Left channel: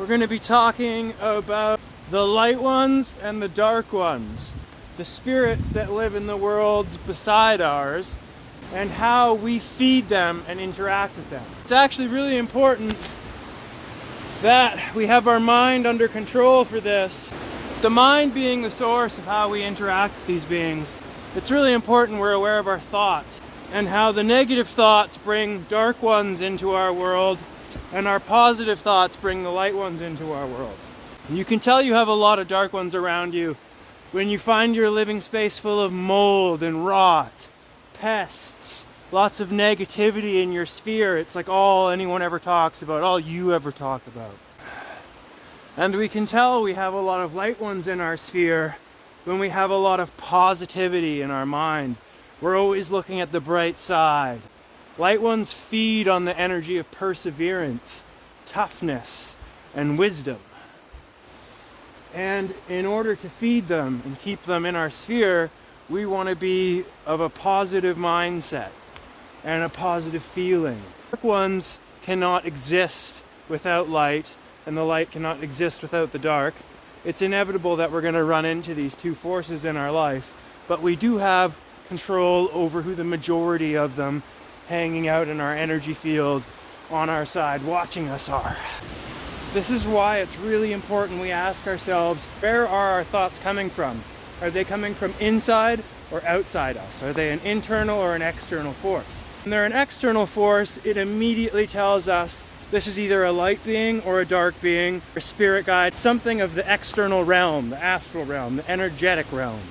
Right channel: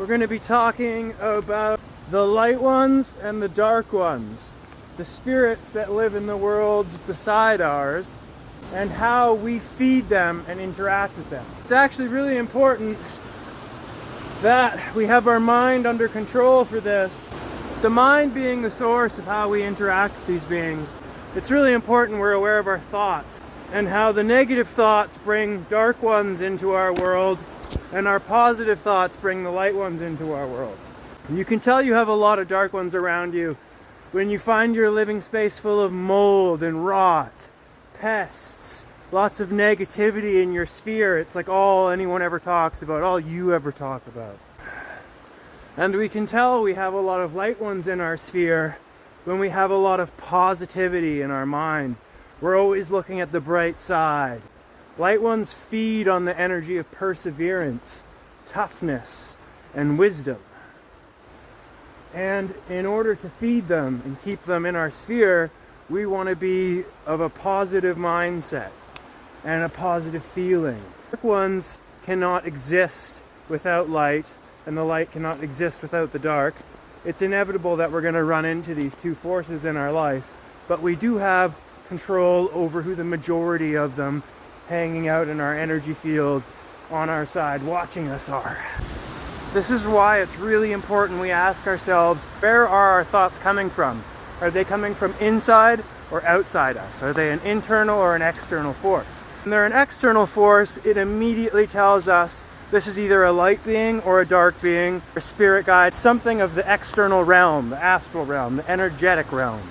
We're going to be talking about the light ones and the dark ones, the spirits that live in the worlds beside ours, and how we feed them and interact with them. It's actually really important that we have our mind under control for this. The mind being the source of how we interact with these beings, it's really important we're aware of our thoughts and how the negative thoughts bring dark ones into our world and our positive thoughts bring the light ones into our world. And you can tell you have a lot of dark ones around you when you find your living space full of mold and rot, pests, lots of negativity in your sphere. It's like all anyone ever talks about, all you ever talk about. And we can tell we have a lot of light ones in our sphere when we have a lot of positivity in our mind. We're always looking at the bright side. Light ones feed on the energy of perseverance, toughness, and wisdom. And in order to feed them and keep them in our sphere, we want to be of a positive mindset and a positive feeling. Dark ones cannot exist without light, and the light cannot exist without the dark. It's inevitable that we're going to run into these two forces in our life, but we do have control over who the majority of them hanging out in our energy field on our side watching us are. This is why it's really important we ask ourselves, where are our thoughts coming from? Are they coming from inside or outside us? Are they an internal or an external force? When they're an external force, it immediately tells us this is either a light being or a dark being, a spirit guide, something of the external realm, the astral realm, the energetic realm.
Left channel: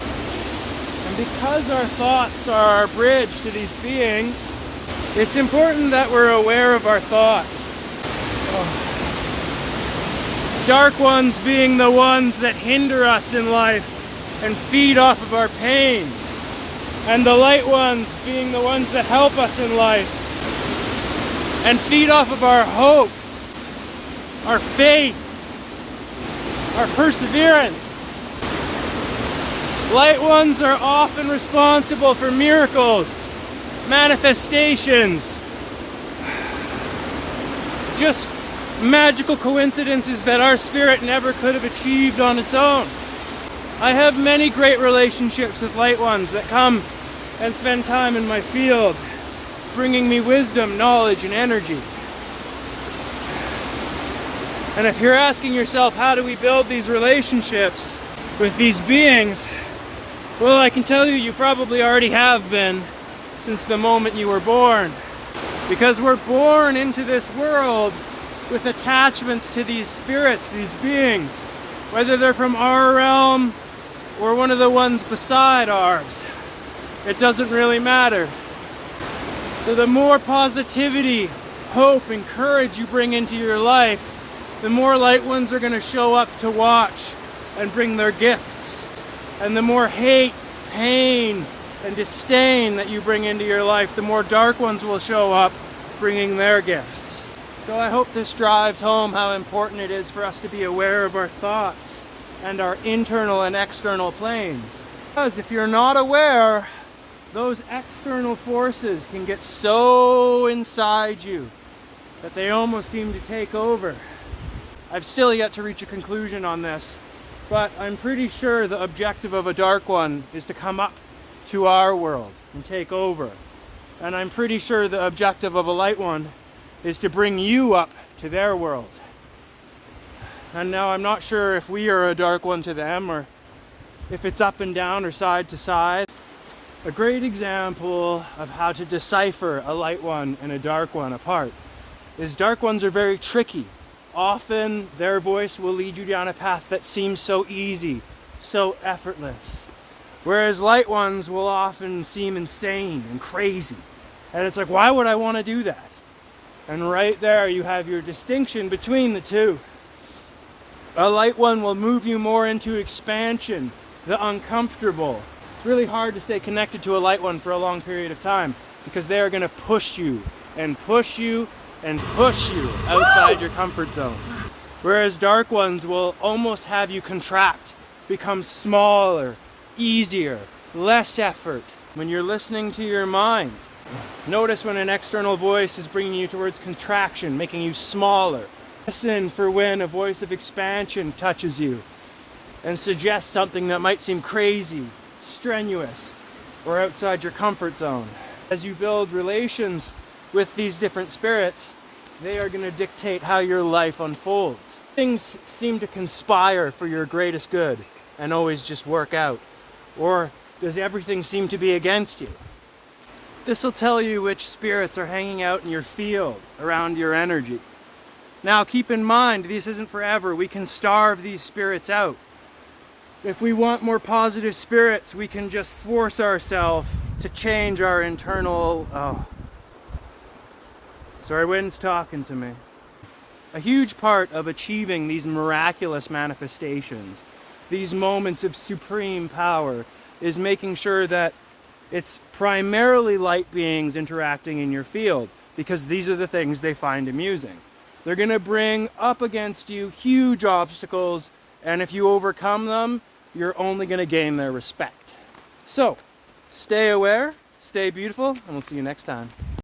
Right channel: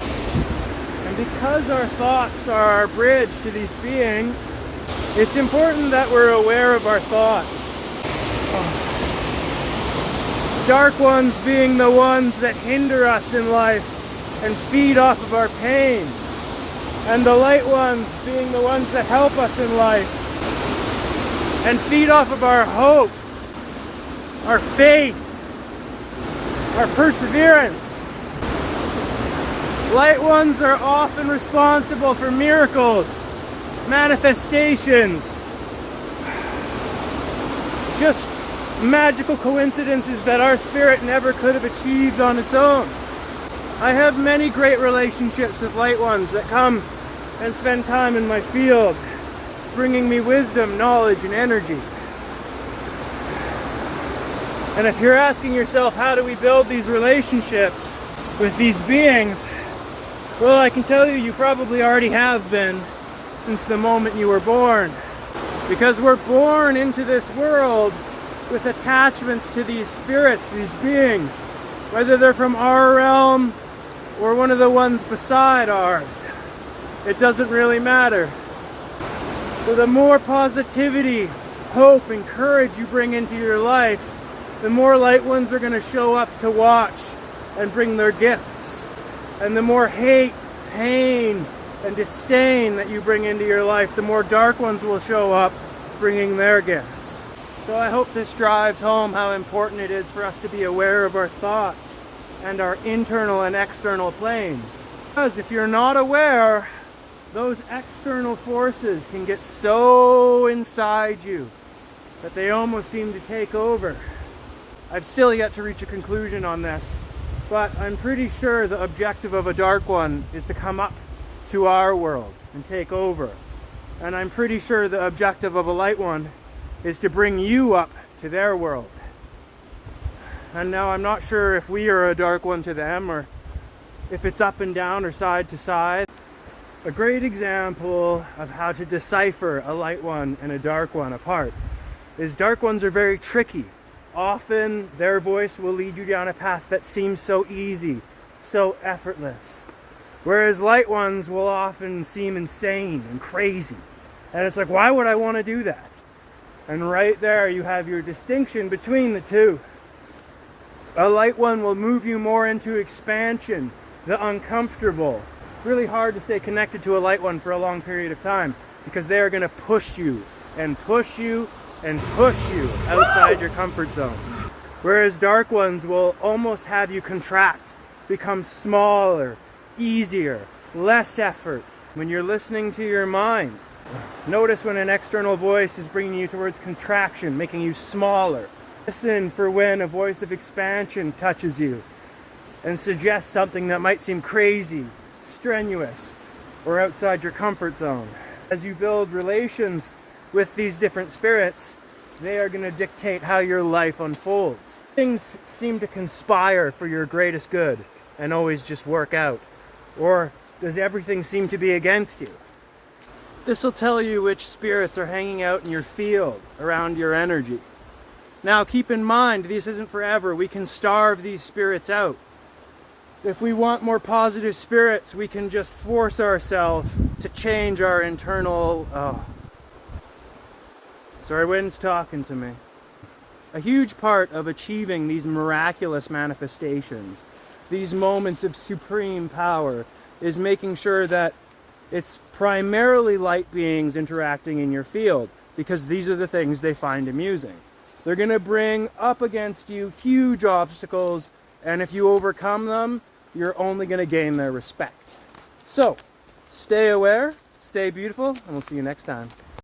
And because our thoughts are our bridge to these beings, it's important that we're aware of our thoughts. Dark ones being the ones that hinder us in life and feed off of our pain, and the light ones being the ones that help us in life and feed off of our hope, our faith, our perseverance. Light ones are often responsible for miracles, manifestations, just magical coincidences that our spirit never could have achieved on its own. I have many great relationships with light ones that come and spend time in my field, bringing me wisdom, knowledge, and energy. And if you're asking yourself, how do we build these relationships with these beings? Well, I can tell you, you probably already have been since the moment you were born. Because we're born into this world with attachments to these spirits, these beings, whether they're from our realm or one of the ones beside ours. It doesn't really matter. So the more positivity, hope, and courage you bring into your life, the more light ones are going to show up to watch and bring their gifts. And the more hate, pain, and disdain that you bring into your life, the more dark ones will show up bringing their gifts. So I hope this drives home how important it is for us to be aware of our thoughts and our internal and external planes. Because if you're not aware, those external forces can get so inside you that they almost seem to take over. I've still yet to reach a conclusion on this, but I'm pretty sure the objective of a dark one is to come up to our world and take over. And I'm pretty sure the objective of a light one is to bring you up to their world. And now I'm not sure if we are a dark one to them or if it's up and down or side to side. A great example of how to decipher a light one and a dark one apart is dark ones are very tricky. Often their voice will lead you down a path that seems so easy, so effortless. Whereas light ones will often seem insane and crazy. And it's like, why would I want to do that? And right there you have your distinction between the two. A light one will move you more into expansion, the uncomfortable. It's really hard to stay connected to a light one for a long period of time because they are going to push you and push you and push you outside your comfort zone. Whereas dark ones will almost have you contract, become smaller, easier, less effort. When you're listening to your mind, notice when an external voice is bringing you towards contraction, making you smaller, Listen for when a voice of expansion touches you and suggests something that might seem crazy, strenuous, or outside your comfort zone. As you build relations with these different spirits, they are going to dictate how your life unfolds. Things seem to conspire for your greatest good and always just work out. Or does everything seem to be against you? This will tell you which spirits are hanging out in your field around your energy. Now keep in mind, this isn't forever. We can starve these spirits out. If we want more positive spirits, we can just force ourselves to change our internal... Sorry, wind's talking to me. A huge part of achieving these miraculous manifestations, these moments of supreme power, is making sure that it's primarily light beings interacting in your field, because these are the things they find amusing. They're going to bring up against you huge obstacles, and if you overcome them, you're only going to gain their respect. So, stay aware, stay beautiful, and we'll see you next time.